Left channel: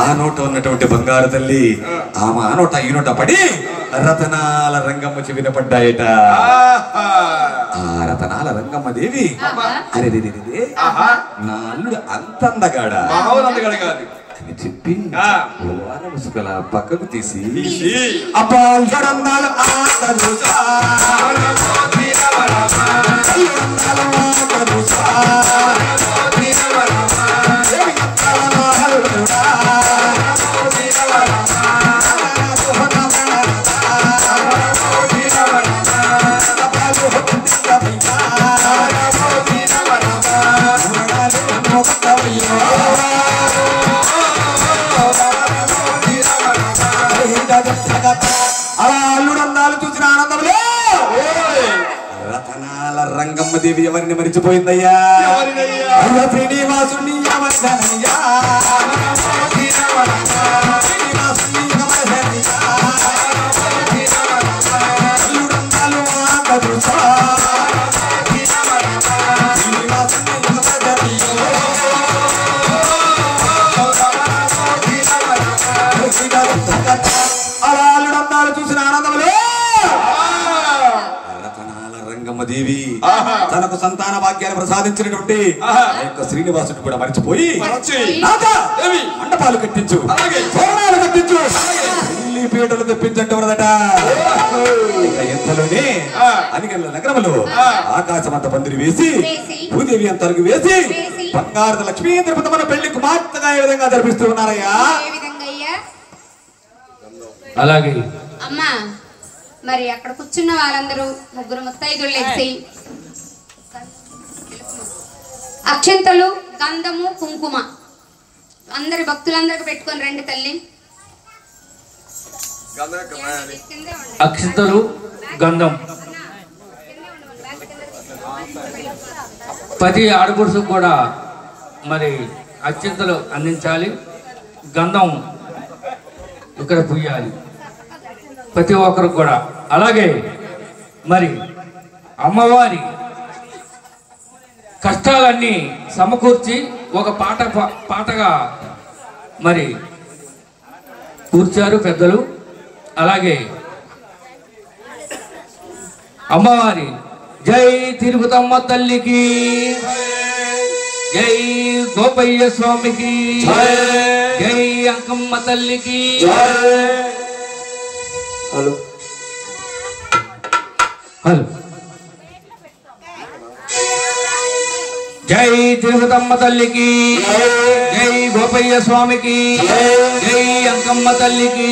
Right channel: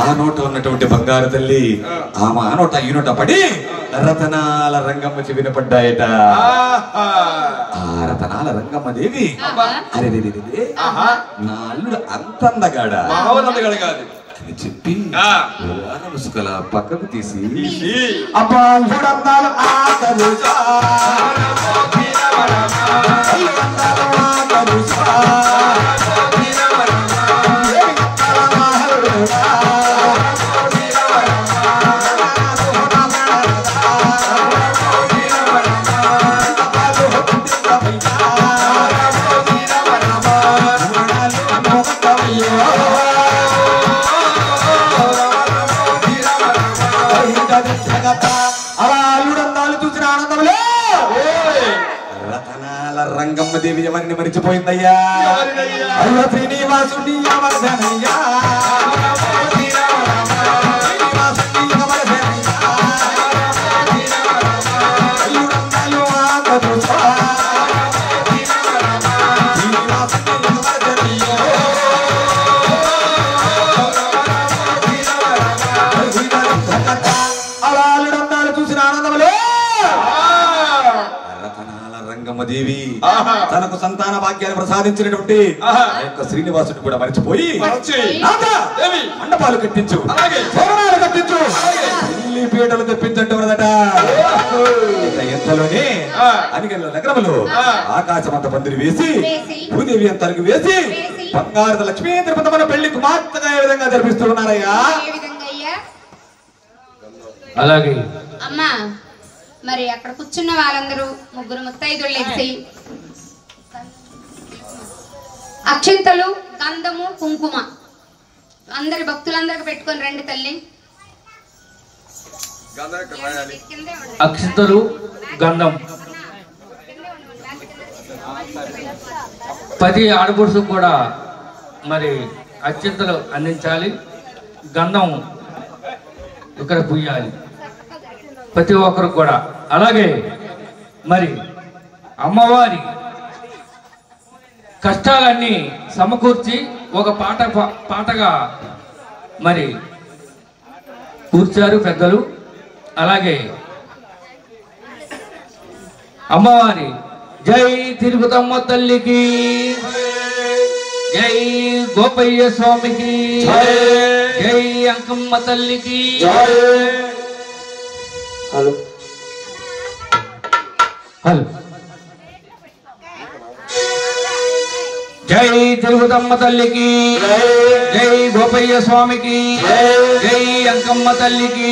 ఆ నోట ఉన్నటువంటి బంగారు తల్లి ఆమె ఆ నోట ఈ నోట పడి రతనాల రంగమ్మ చెవిన పడ్డాయట. ఆ రతనాల రంగమ్మ దేవి అరే నా అల్లుడు అంత అందగాడా అని చెప్పి ముసుకల పక్కకు తీసి అబ్బా అందాలు రంగమ్మ దేవి ఎవరిని మరిచిపోయిందయ్యా? అయ్యో శ్రీనివాసుని అమర్దనయ్యా, చూసిన ఆనందంలో దేవి తనకు సంతాన భాగ్యాన్ని ప్రసాదించినటువంటి శ్రీనివాసుడు కూడా మరిచిపోయి మండపాలు కట్టించు, తోరణాలు కట్టించు, పెళ్లి పీటలు తెప్పించంటున్నదట. ఎంతలోనే అనిగల్ల నగరంలో ఆకాశమంత పందిరి వేసి భూదేవి అంత అరుగు వేసి బంగారు లక్ష్మీ తిరుపతి పెళ్లి కుమార్తెగా ఏ విధంగా జరిపిస్తూ ఉన్నారయ్యా? అలాగే అమ్మా. మరి అక్కడ కూర్చున్న వాళ్ళందరూ ముగ్గురు ముత్తైదులు లేచి అక్షంతలు, గంధము, కుంకుమ అందరి భక్తులందరికి పెట్టుకొని రండి తల్లి. అక్షంతలు, గంధం 10 ఆడపడుచు కూడా మరి అక్షంతలు అందించాలి, గంధం ఇక్కడ పుయ్యాలి ప్రతి ఒక్కరు కూడా. అలాగే మరి అమ్మవారి కష్టాలన్నీ సమకూర్చి ఒక పాటగా మరి కూర్చారు పెద్దలు. అలాగే అమ్మవారి జై తిరుపతమ్మ తల్లికి, జై గోపయ్య స్వామికి, జై అంకమ్మ తల్లికి. హలో హలో జై తిరుపతమ్మ తల్లికి, జై గోపయ్య స్వామికి, జై అంకమ్మ తల్లికి.